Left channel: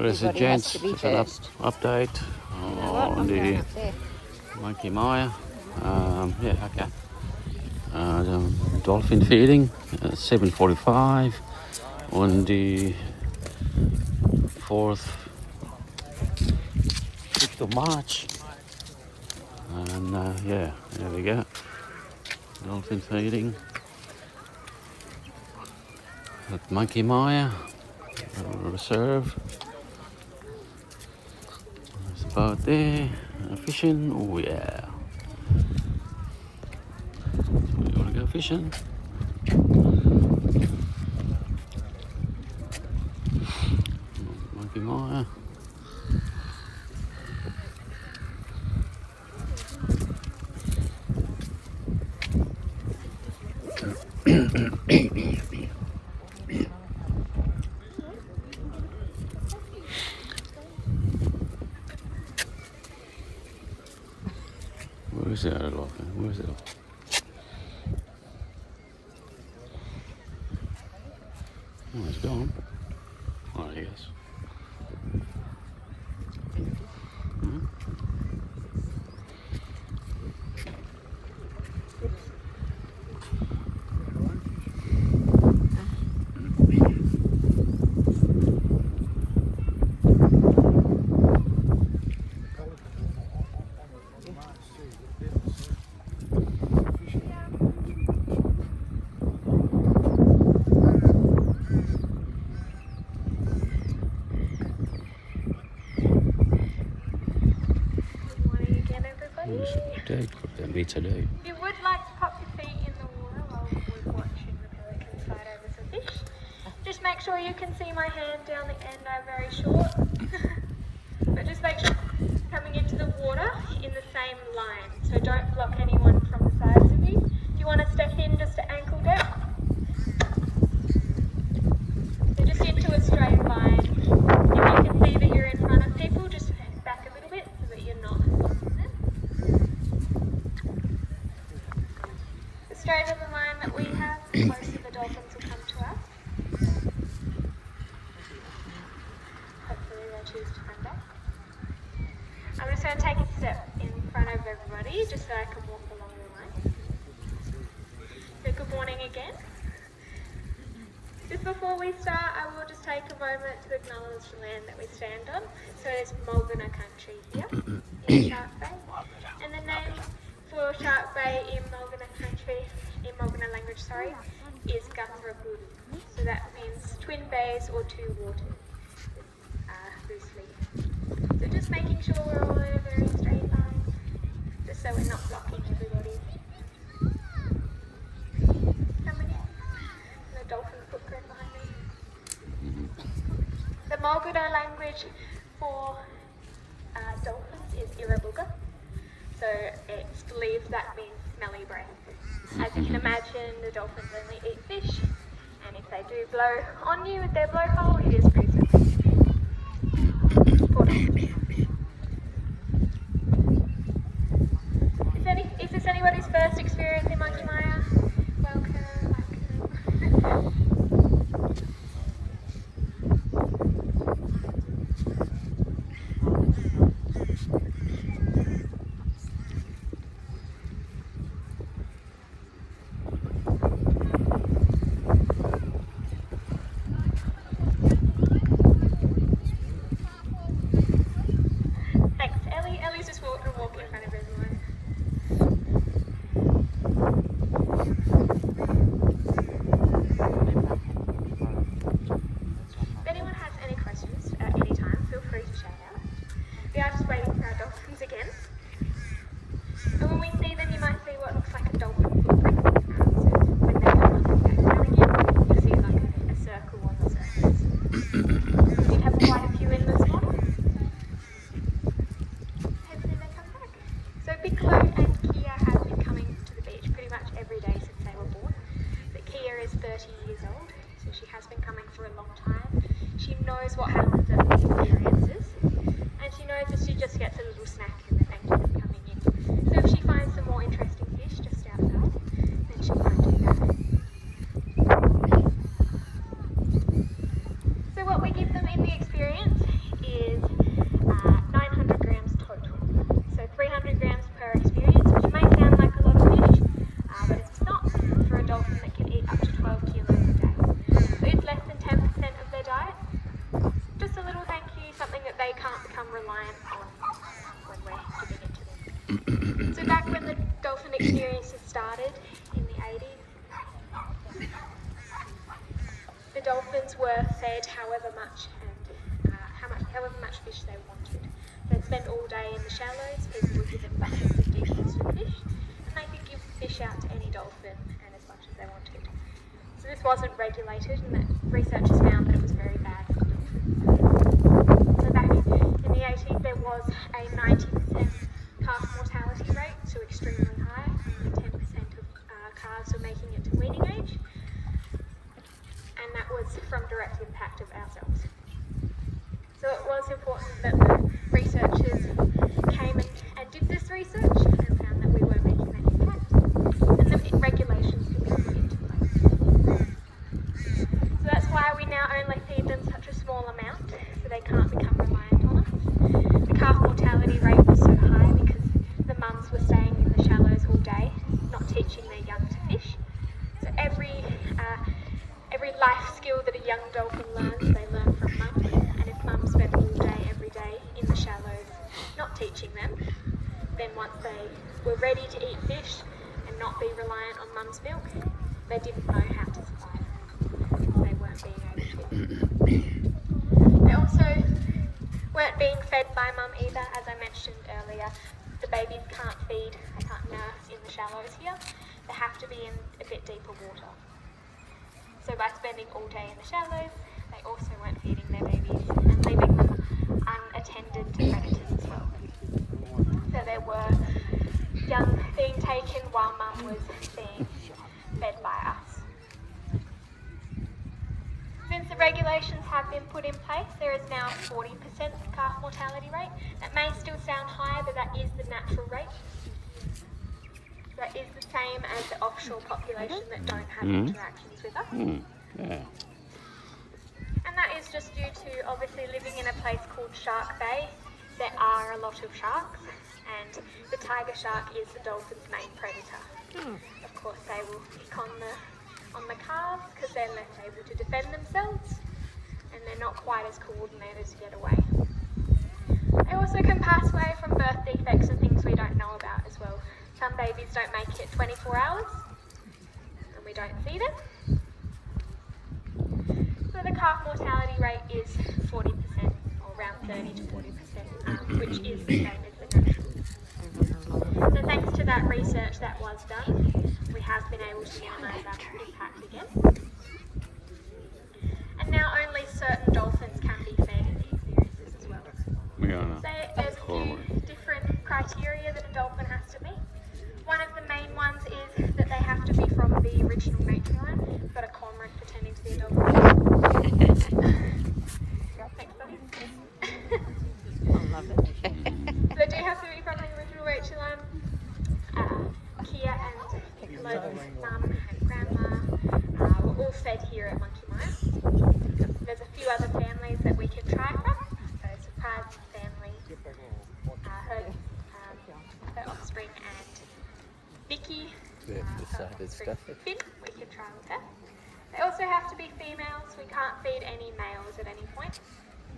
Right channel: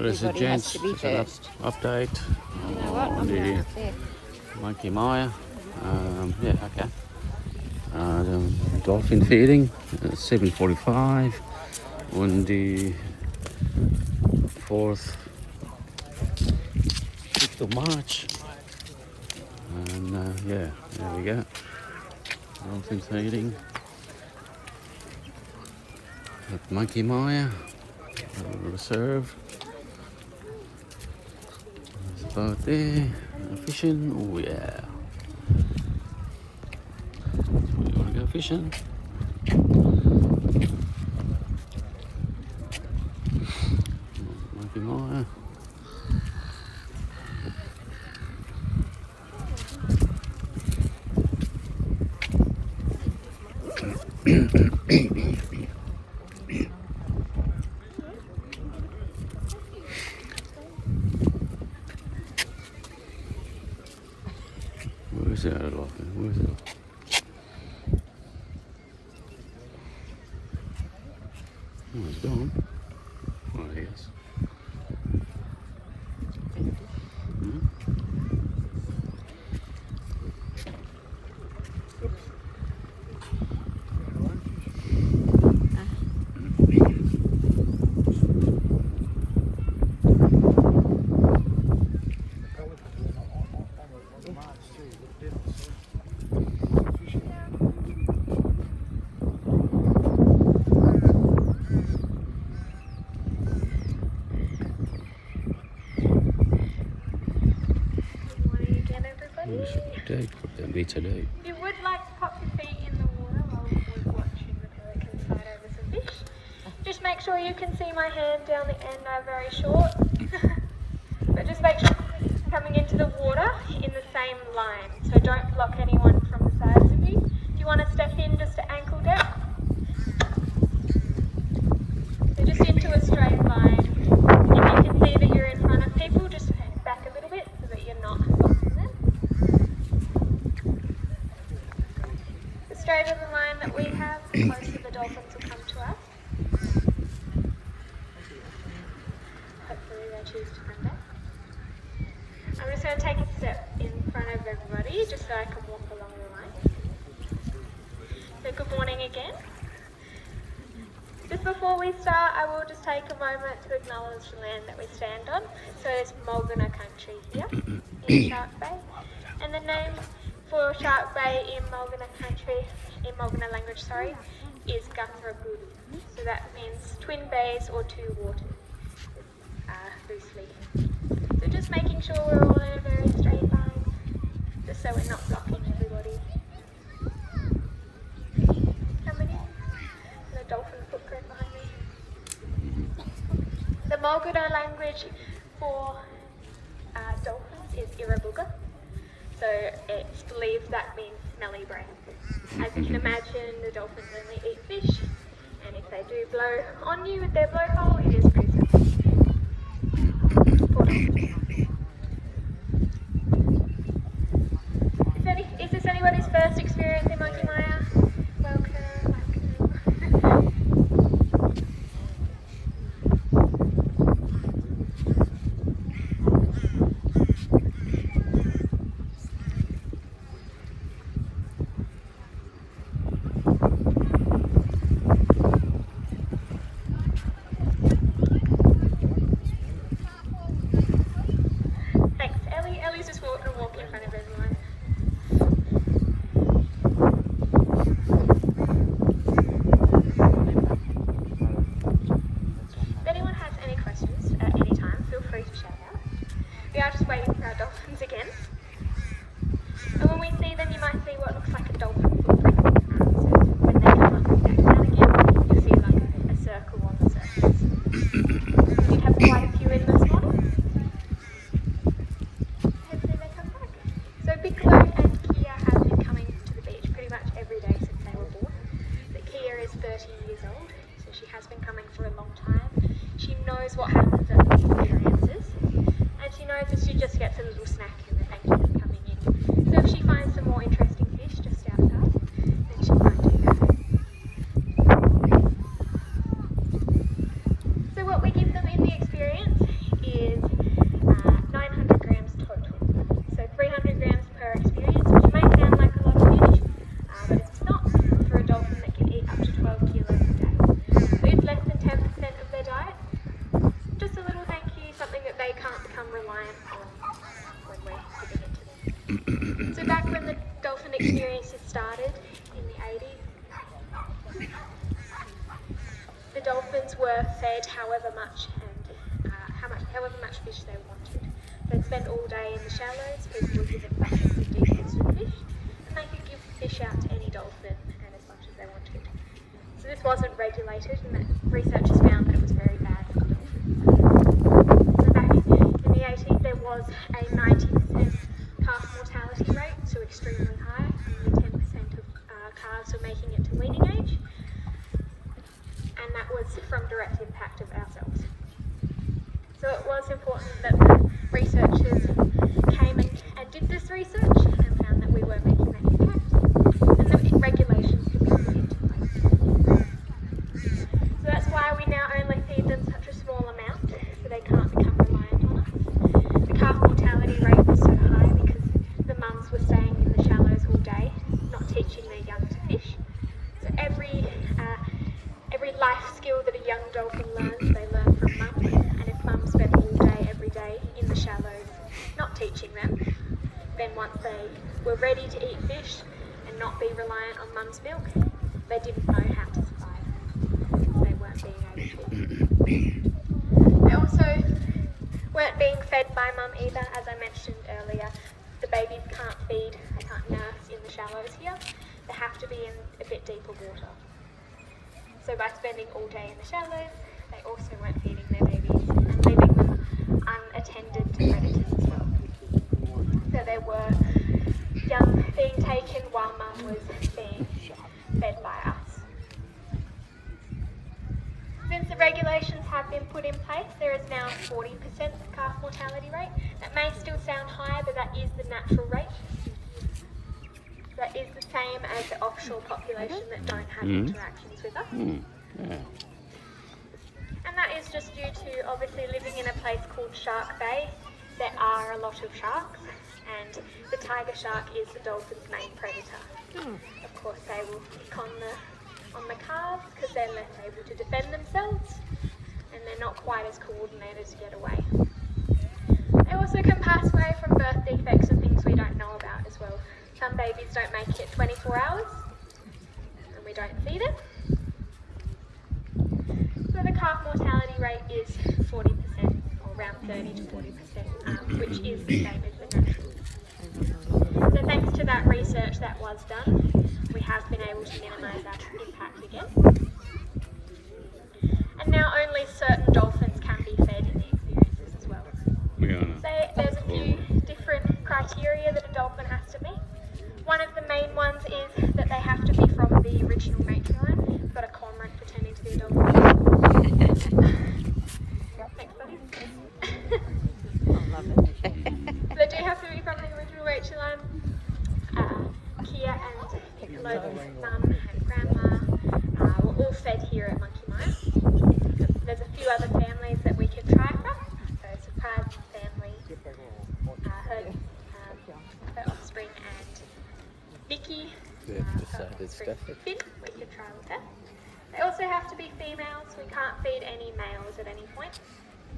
Well, there's a gents, just an update on the Monkey Maya. Yeah, okay. The dolphin feeding, 7:45 on the 5th of March. And yeah, there we go. Dolphin feeding at Monkey Maya Reserve. There's a boat there, fishing. Oh yeah. So we want to go fishing. Monkey Maya. Where's the other dolphin? Where's the dolphin? Oh, he's gone. Oh, he is. Hmm? Today. If you would like to pop your feet in the water while we're watching the pelican fight over some fish, just make sure you can see my hand down the end. I'm very short. But just make sure you're coming into the water in the same line. So don't block anyone from the sides of you. If you want to step in just to ankle depth. So just into a straight line. If you can see that you're in front of people, just back a little bit so that you're not blocking them. Straight of the line that we have, most of the dolphins will come to us. Hopefully they'll choose to come back. I'm just going to take a step in front of everybody just so I can walk along the line. So good morning again. Just before we start, I will just take a moment to acknowledge the land that we stand on. So it's Mulgana country here in Shark Bay. And the name for Shark Bay in Mulgana country, in Mulgana language, is Guthraguru. So that means twin bays or two waters, loosely. So just making sure we're all in a very straight line, just so we're not blocking everybody. Coming in, the dolphin footprint behind me. The Mulgana language for dolphins is Irabuga. So it's believed that means smelly breath. As you can imagine, the dolphins only eat fish, and if they do blow on you with their blowhole, it is poison. Is this anybody's first experience in Monkey Maya? Welcome. Ellie's just walking in front of everyone. If anyone has any questions at any time, feel free to shout out. We are just waiting for our dolphins again. And when we see them, you might see what looks like a dolphin footprint. So when they come up and back down again, you'll see like a circle on the surface. We did have quite a few in this morning. So Piccolo and Kia have been coming to the beach pretty much every day since they were born. But Kia is 30 years old, so she has been coming for a long time. She knows what happens at these experiences, and she knows that she just gets a little snack and a thank you for coming in. So if she finds some more interesting fish just outside, then she might do that. So what we give them in the experience is 900 grams total. So 300 grams per experience, which may sound like a lot of fish, but it's not for a dolphin that can eat up to 12 kilos a day. So it's less than 10% of their diet. Just a little thank you, something that they can't become reliant on when we're giving it to them. So back when the dolphin experiences started in the 80s, the dolphins were fed however much fish they wanted. They'd spend all day in the shallows, people were given buckets of de-textured fish, and they could give fish out to any dolphin and as much as they wanted. So this wasn't regulated, and that researchers found that it was very bad for the dolphins. So back in the 80s there was a 90% calf mortality rate, so extremely high. Only 10% of calves were making it to weaning age, and that was from direct impact of ourselves. So it was important that the researchers came and did this research and found that we were making that impact, and the regulations could be put into place. So that's why we now only feed them such a small amount, so they can't become reliant on us. The calf mortality rate was so high because the mums were staying in the shallows all day, not teaching their young to fish. So every life skill that a young dolphin learns, they learn from mums. And if mums spent all day, every day in the shallows, not teaching them, then once they were ready to eat fish and not be reliant on mum's milk, they didn't know how to survive. They weren't being able to. They also weren't being fed by mum either, as I mentioned earlier. The babies can't feed, they can't nurse in the shallows here. They have to be in a bit deeper water. So by spending all day in the shallows, they also weren't feeding their babies and leaving them unattended to predators as well. So there were young being taken while mum was being fed by us. Since the regulations have been put in place, there is now a 40% calf mortality rate. That may still sound high, but that is the natural rate. That is the same as the offshore population that don't have interactions with us. Yeah. And that is just due to obviously living in a place called Shark Bay. There are a lot of sharks, and the tiger shark is the dolphin's main predator. Of course, they will pick on the calves because they're less able to defend themselves, and they're not quite as coordinated to get away. They also can pass away from birth defects and things we don't know about as well. Some babies don't make it 24 hours, and we don't see them. So the calf mortality rate is 40%, or around 30 to 40%, which is the same as the natural. So thanks to that research that was done, we have been able to minimise that impact again. And now only certain dolphins can be fed in the experiences as well. So there's a few different criteria that a dolphin has to meet. One of the main ones is that they have to be from the original matriline. We've got a cormorant pretending to be a dolphin. Thanks, buddy. I love it. So they do have to be from the original matriline. Kia and Piccolo's mum and grandma were all fed here at Monkey Mine. There's a few other families that we could try from. So Surprise family, her offspring, and Vicky, They've decided stuff. Finn, we could try with her. They also have to be females. We can't feed any males at any point.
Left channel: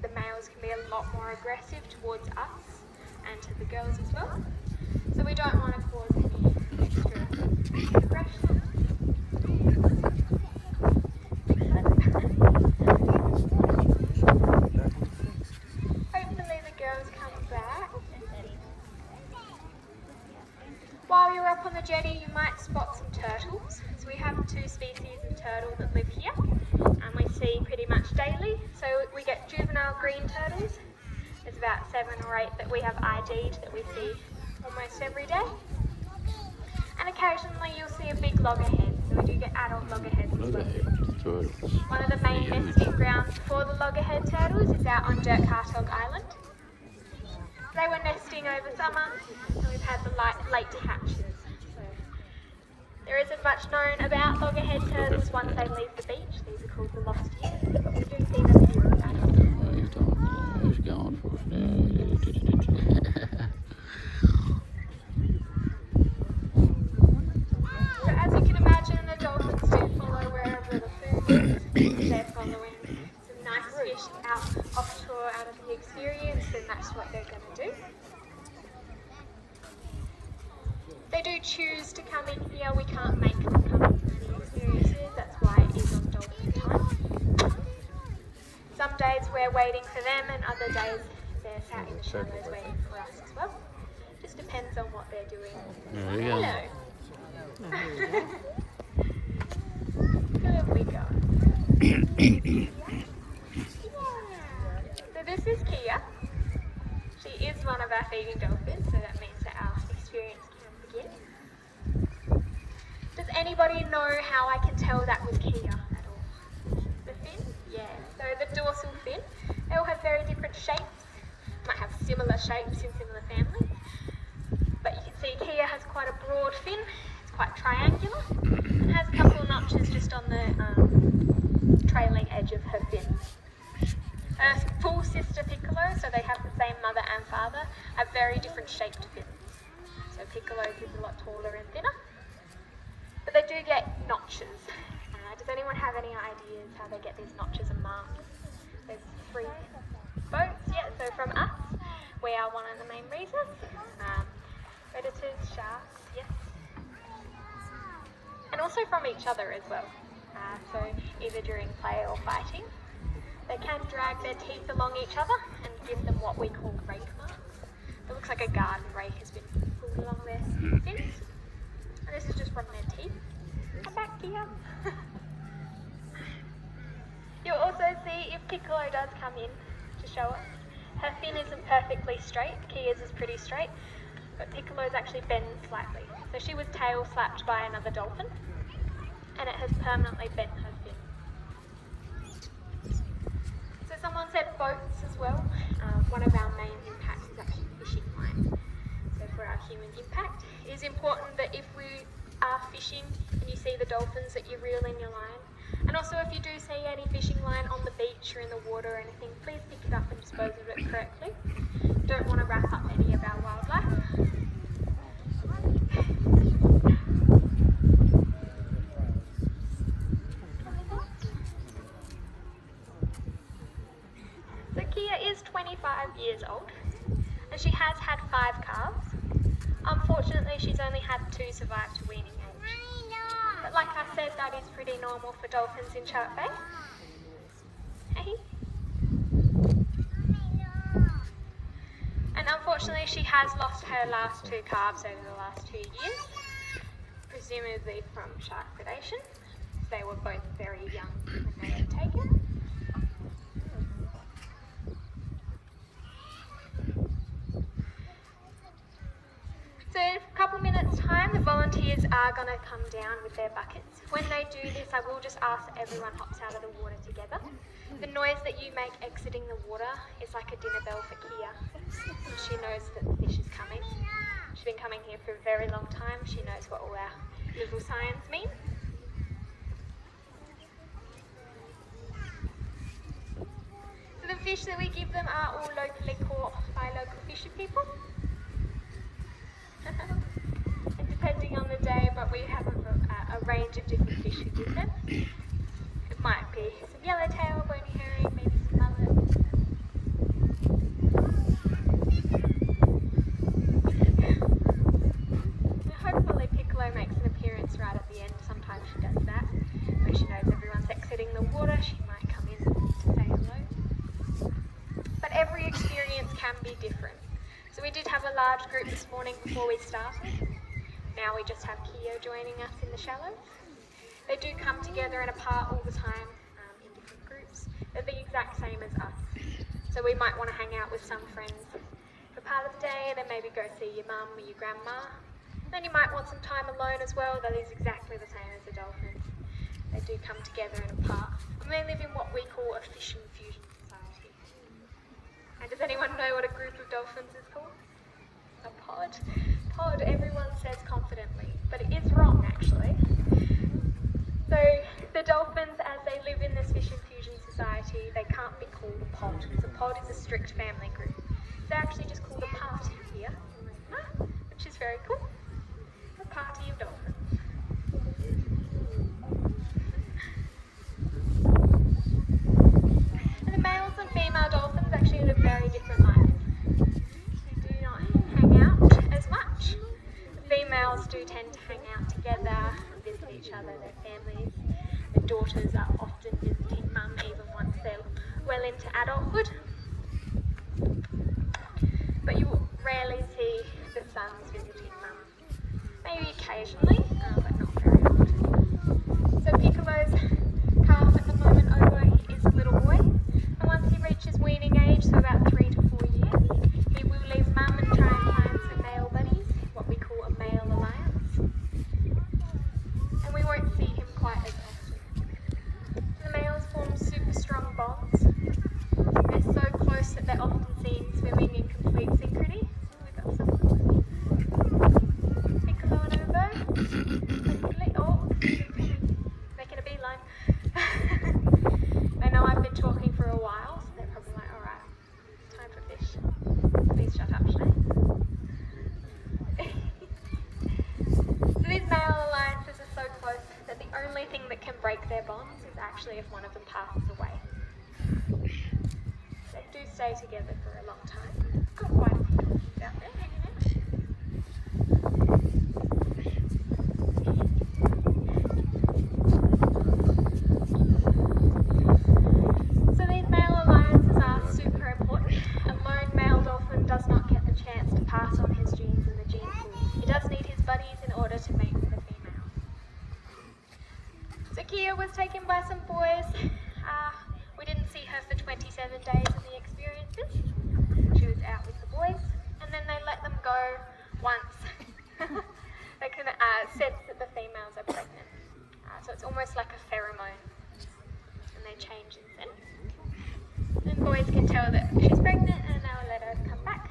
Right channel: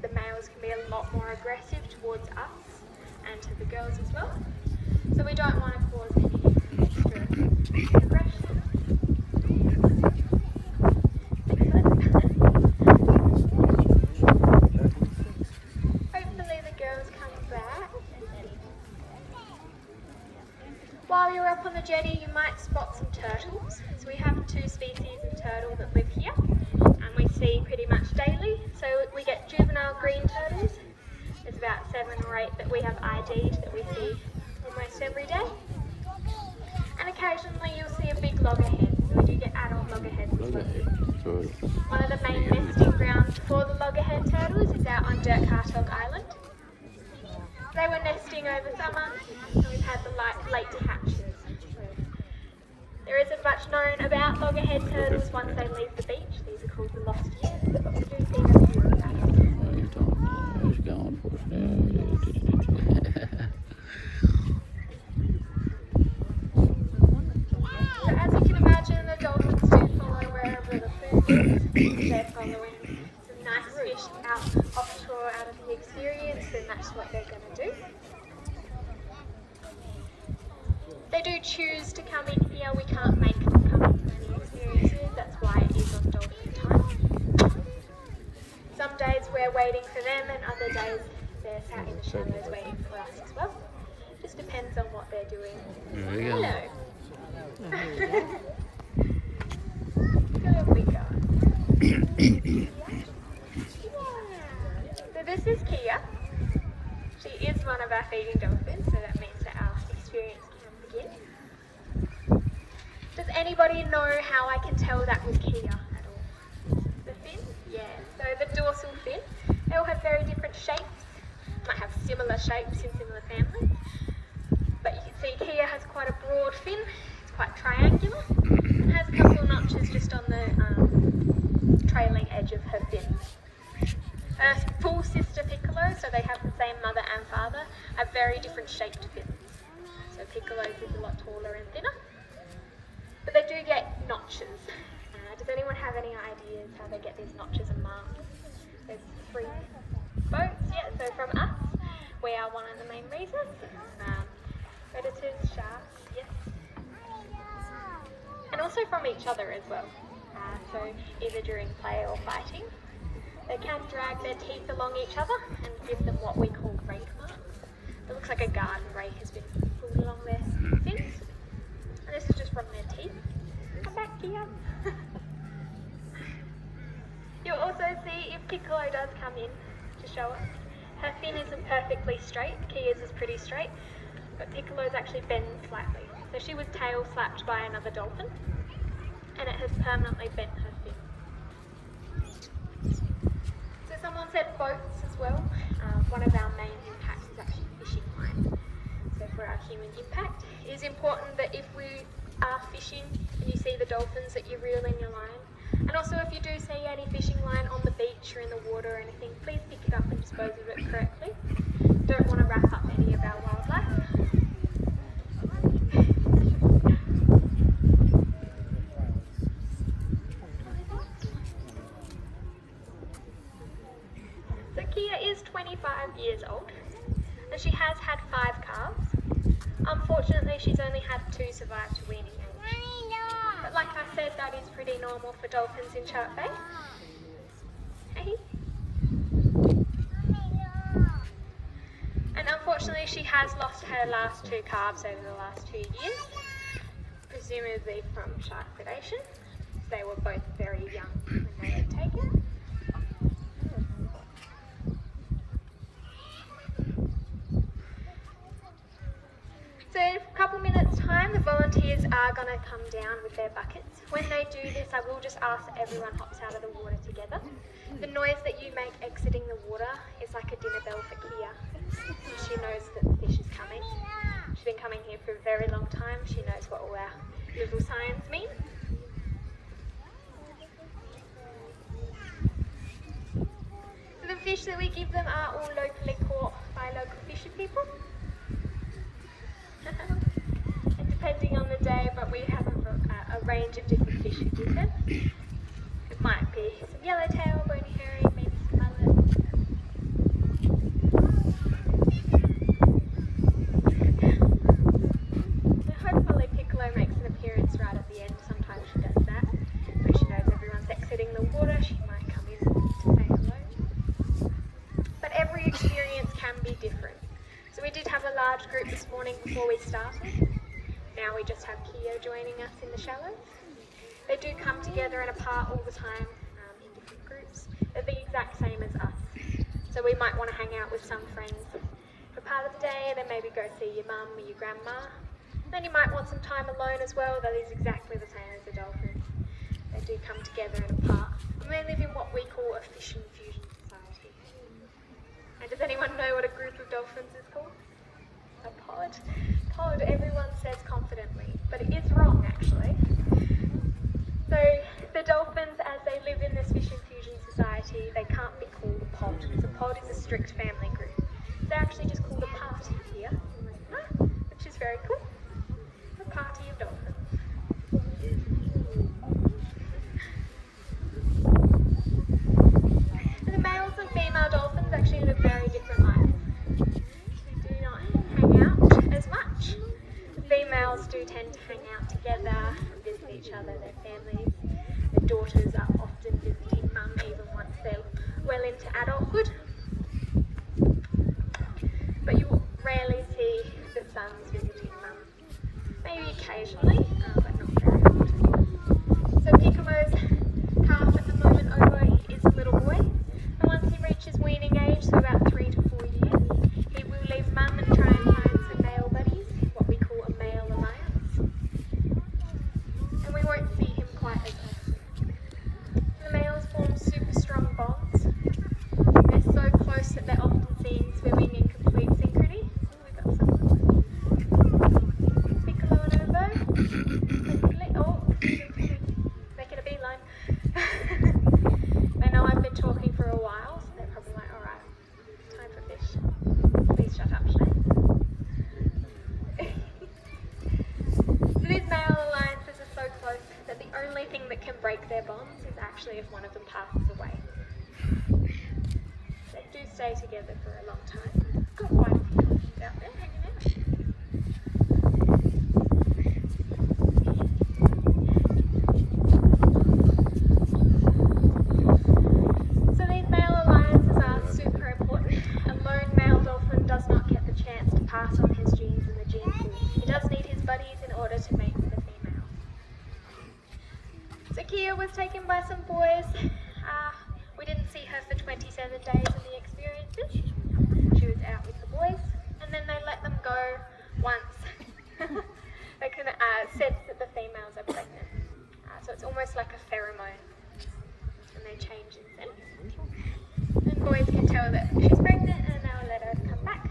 The males can be a lot more aggressive towards us and to the girls as well. So we don't want to cause any extra aggression. Hopefully the girls come back. While you're up on the jetty, you might spot some turtles. So we have 2 species of turtle that live here, and we see pretty much daily. So we get juvenile green turtles. There's about 7 or 8 that we have ID'd that we see almost every day. And occasionally you'll see a big loggerhead. So we do get adult loggerheads as well. Loggerhead turtles. One of the main nesting grounds for the loggerhead turtles is out on Dirk-Hartog Island. They were nesting over summer, and we've had the late hatches. So there isn't much known about loggerhead turtles once they leave the beach. These are called the lost years. You do see them here as adults. He's going fish out offshore out of the experience, then that's what they're going to do. They do choose to come in here. We can't make them come in for any experiences. That's why it is on dolphin time. Some days we're waiting for them, and other days they're sat in the shallows waiting for us as well. Just depends on what they're doing. There we go. Hello. Here we go. So this is Kia. She is one of our feeding dolphins, so that means that our experience can begin. Does anybody know how I can tell that with Kia at all? The fin? Yeah. So the dorsal fin, they all have very different shapes. Might have similar shapes in similar families. But you can see Kia has quite a broad fin. It's quite triangular and has a couple of notches just on the trailing edge of her fins. Her full sister Piccolo, so they have the same mother and father, have very different shaped fins. So Piccolo's is a lot taller and thinner. But they do get notches. Does anyone have any ideas how they get these notches and marks? There's 3 boats, yeah, so from us, we are one of the main reasons. Predators, sharks, yes. And also from each other as well. So either during play or fighting. They can drag their teeth along each other and give them what we call rake marks. It looks like a garden rake has been pulled along their fins. And this is just from their teeth. Come back here. You'll also see if Piccolo does come in to show us. Her fin isn't perfectly straight. Kia's is pretty straight. But Piccolo's actually bends slightly. So she was tail slapped by another dolphin. And it has permanently bent her fin. So someone said boats as well. One of our main impacts is actually fishing line. So for our human impact, it is important that if we are fishing and you see the dolphins that you reel in your line. And also if you do see any fishing line on the beach or in the water or anything, please pick it up and dispose of it correctly. Don't want to wrap up any of our wildlife. So Kia is 25 years old and she has had 5 calves. Unfortunately, she's only had 2 survive to weaning age. But like I said, that is pretty normal for dolphins in Shark Bay. Hey. And unfortunately, she has lost her last 2 calves over the last 2 years, presumably from shark predation. They were both very young when they were taken. So in a couple minutes time, the volunteers are going to come down with their buckets. When they do this, I will just ask that everyone hops out of the water together. The noise that you make exiting the water is like a dinner bell for Kia. She knows that the fish is coming. She's been coming here for a very long time. She knows what all our little signs mean. So the fish that we give them are all locally caught by local fishing people. And depending on the day, but we have a range of different fish we give them. It might be some yellowtail, bony herring, maybe some mullet. And hopefully Piccolo makes an appearance right at the end. Sometimes she does that. When she knows everyone's exiting the water, she might come in to say hello. But every experience can be different. So we did have a large group this morning before we started. Now we just have Kia joining us in the shallows. They do come together and apart all the time in different groups. They're the exact same as us. So we might want to hang out with some friends for part of the day, then maybe go see your mum or your grandma. Then you might want some time alone as well. That is exactly the same as the dolphins. They do come together and apart. And they live in what we call a fishing fusion society. And does anyone know what a group of dolphins is called? A pod? Pod, everyone says confidently, but it is wrong actually. So the dolphins, as they live in this fishing fusion society, they can't be called a pod, because a pod is a strict family group. They're actually just called a party here, which is very cool. A party of dolphins. And the male do tend to hang out together and visit each other, their families. The daughters are often visiting mum even once they're well into adulthood. But you will rarely see the sons visiting mum. Maybe occasionally, but not very often. So Piccolo's calf at the moment, Obo, is a little boy. And once he reaches weaning age, so about 3 to 4 years, he will leave mum and try and find some male buddies, what we call a male alliance. And we won't see him quite as often. The males form super strong bonds. They're so close that they're often seen swimming in complete synchrony. We've got some Piccolo and Obo. Oh, making a beeline. They know I've been talking for a while, so they're probably like, alright, time for fish. Please shut up, Sinead. So these male alliances are so close that the only thing that can break their bonds is actually if one of them passes away. They do stay together for a long time. Got quite a few dolphins out there hanging out. So these male alliances are super important. A lone male dolphin does not get the chance to pass on his genes in the gene pool. He does need his buddies in order to mate with a female. So Kia was taken by some boys. We didn't see her for 27 days in the experiences. She was out with the boys, and then they let them go once. They can sense that the females are pregnant. So it's almost like a pheromone, and they change in scent. And boys can tell that she's pregnant, and they'll let her come back.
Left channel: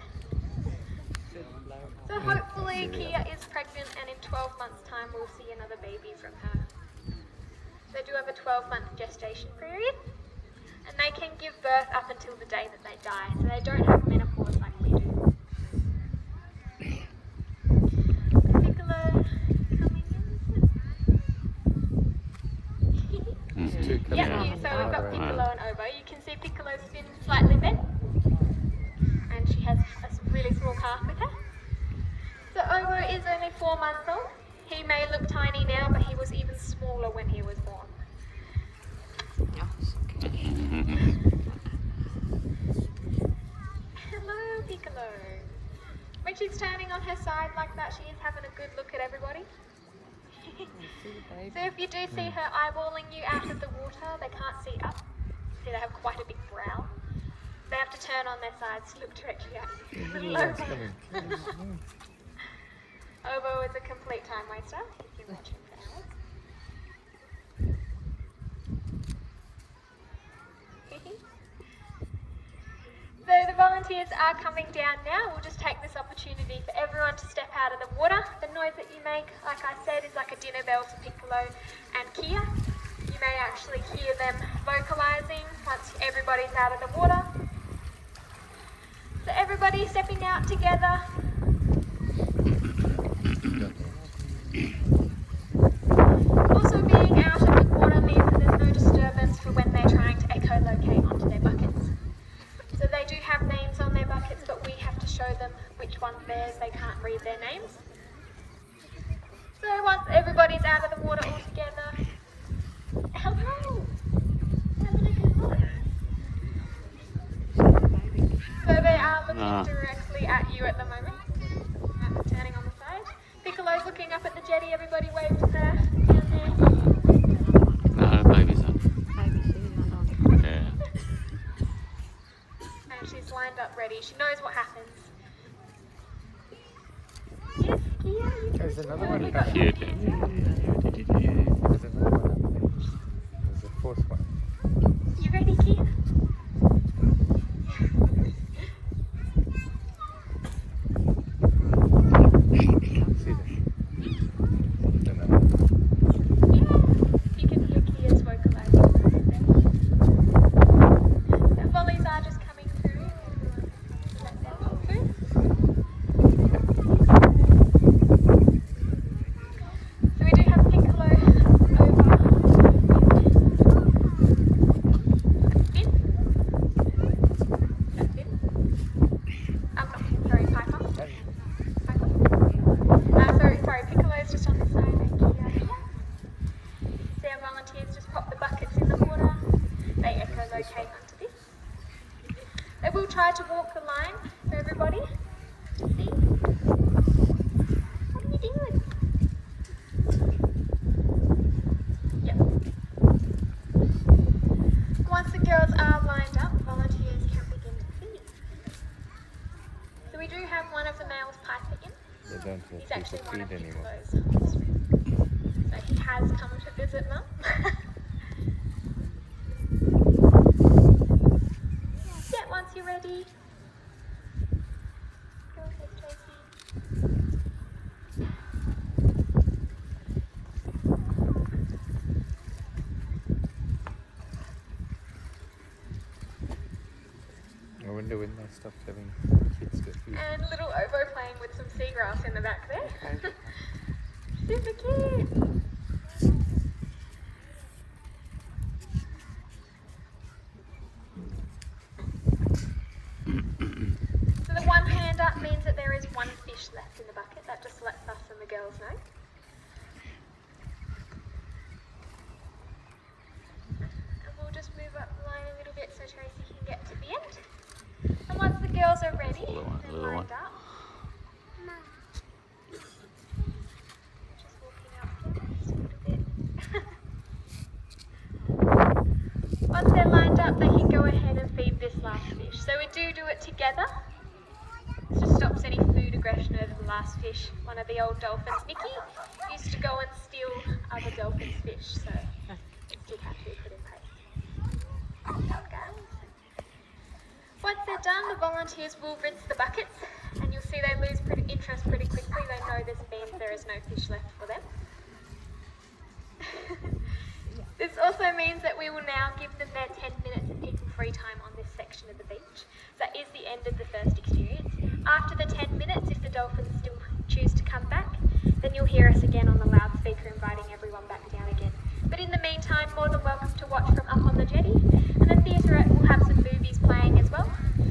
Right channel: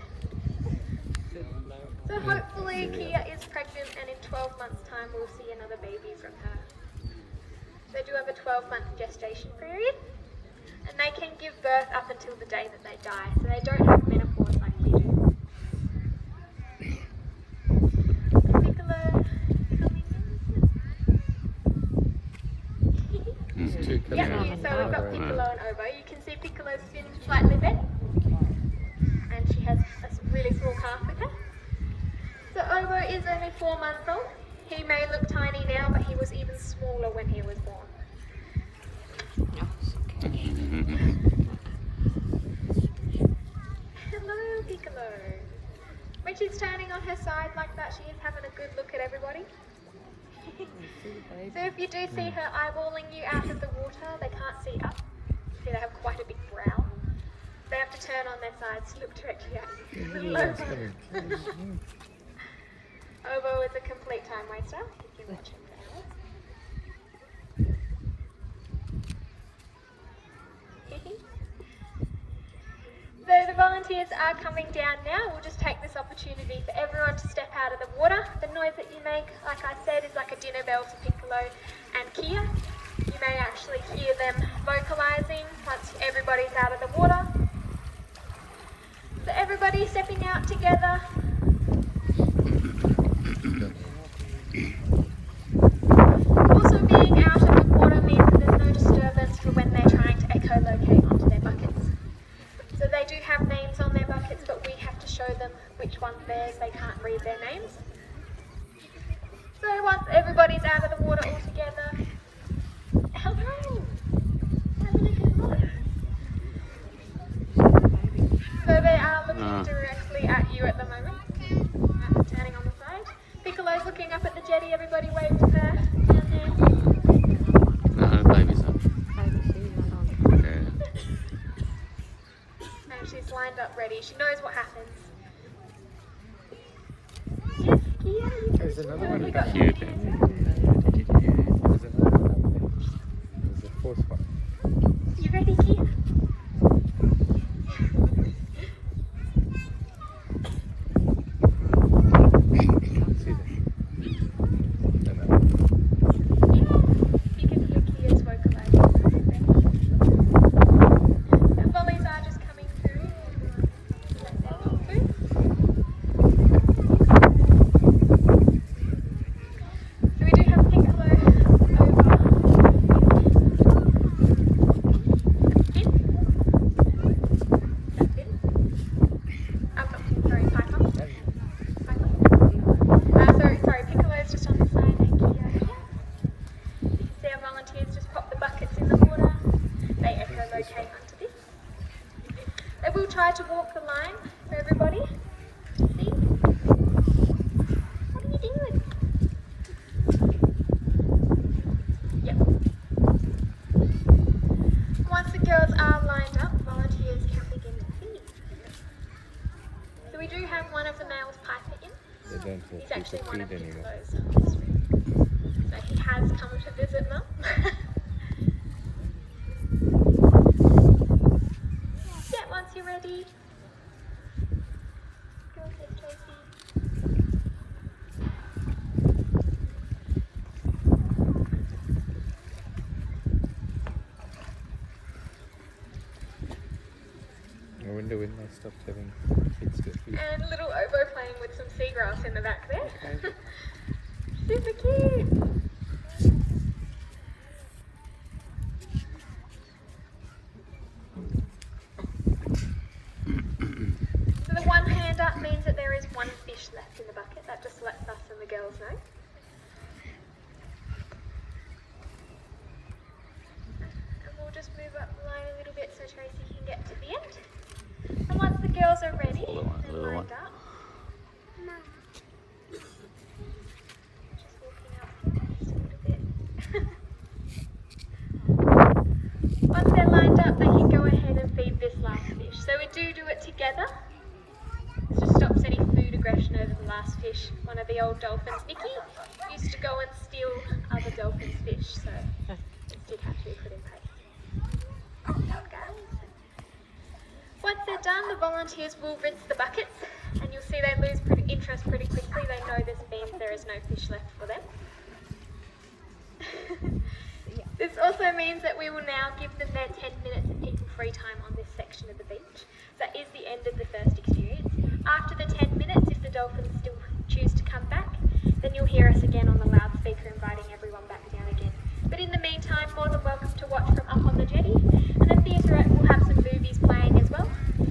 So hopefully Kia is pregnant, and in 12 months' time we'll see another baby from her. They do have a 12-month gestation period. And they can give birth up until the day that they die, so they don't have menopause like we do. Piccolo coming in. Yeah, so we've got Piccolo and Obo. You can see Piccolo's fin slightly bent, and she has a really small calf with her. So Obo is only 4 months old. He may look tiny now, but he was even smaller when he was born. Hello, Piccolo. When she's turning on her side like that, she is having a good look at everybody. So if you do see her eyeballing you out of the water, they can't see up. See, they have quite a big brow. They have to turn on their sides to look directly at you. Little Obo. Obo is a complete time waster. You can watch him for hours. So the volunteers are coming down now. We'll just take this opportunity for everyone to step out of the water. The noise that you make, like I said, is like a dinner bell for Piccolo and Kia. You may actually hear them vocalizing once everybody's out of the water. So everybody stepping out together. Also being out of the water means that there's no disturbance for when they're trying to echolocate onto their buckets. So they do have names on their buckets, but we have to show them which one's theirs. They can't read their names. So once everybody's out of the water all together, hello, having a good look. So they are looking directly at you at the moment, turning on the side. Piccolo's looking up at the jetty. Everybody wave to her down there. Baby's on. Yeah. And she's lined up ready. She knows what happens. Yes, Kia, you There's another one. totally got Cute. that. There's another one up there. There's a fourth one. You ready, Kia? See that? Another one. You can hear Kia's vocalizing. The volleys are just coming through. Let them pop through. So we do have Piccolo over in. will try to walk the line for everybody. See? What are you doing? Yep. Once the girls are lined up, volunteers can begin the feed. So we do have one of the males piper in. They don't He's have actually people one of feed anymore. Nicolo's. So he has come to visit Mum. Yeah, once you're ready. Go ahead, Tracy. I wonder when they stopped having kids get food. And little Obo playing with some seagrass in the back there. Super cute. So the one hand up means that there is one fish left in the bucket. That just lets us and the girls know. And we'll just move up the line a little bit so Tracy can get to the end. And once the girls are ready, Little one, they're little lined one. up. Just walking up here just a little bit. Once they're lined up, they can go ahead and feed this last fish. So we do it together. This just stops any food aggression over the last fish. One of the old dolphins, Nikki, used to go and steal other dolphins' fish, so it did have to be put in place. Once they're done, the volunteers will rinse the buckets, and you'll see they lose interest pretty quickly. They know this means there is no fish left for them. This also means that we will now give them their 10 minutes of people-free time on this section of the beach. That is the end of the first experience. After the 10 minutes, if the dolphins still choose to come back, then you'll hear us again on the loudspeaker inviting everyone back down again. But in the meantime, more than welcome to watch from up on the jetty, and the theatre will have some movies playing as well.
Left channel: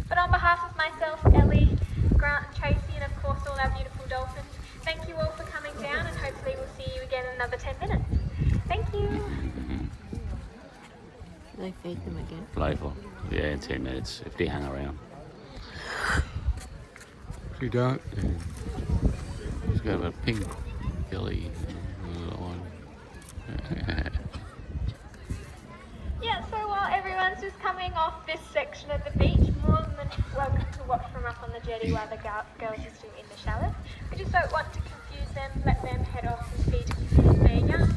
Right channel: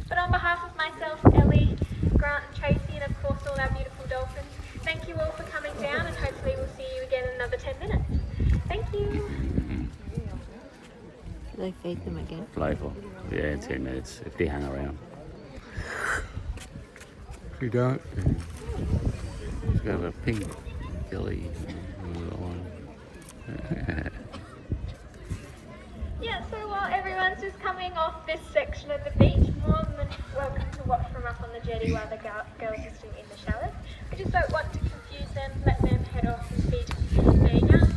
But on behalf of myself, Ellie, Grant and Tracy, and of course all our beautiful dolphins, thank you all for coming down, and hopefully we'll see you again in another 10 minutes. Thank you. Do they feed them again? Playful. Yeah, in 10 minutes if they hang around. If you don't, then it's got a pink belly, little one. Yeah, so while everyone's just coming off this section of the beach, more than welcome to watch from up on the jetty while the girls are still in the shallows. We just don't want to confuse them, let them head off and feed their young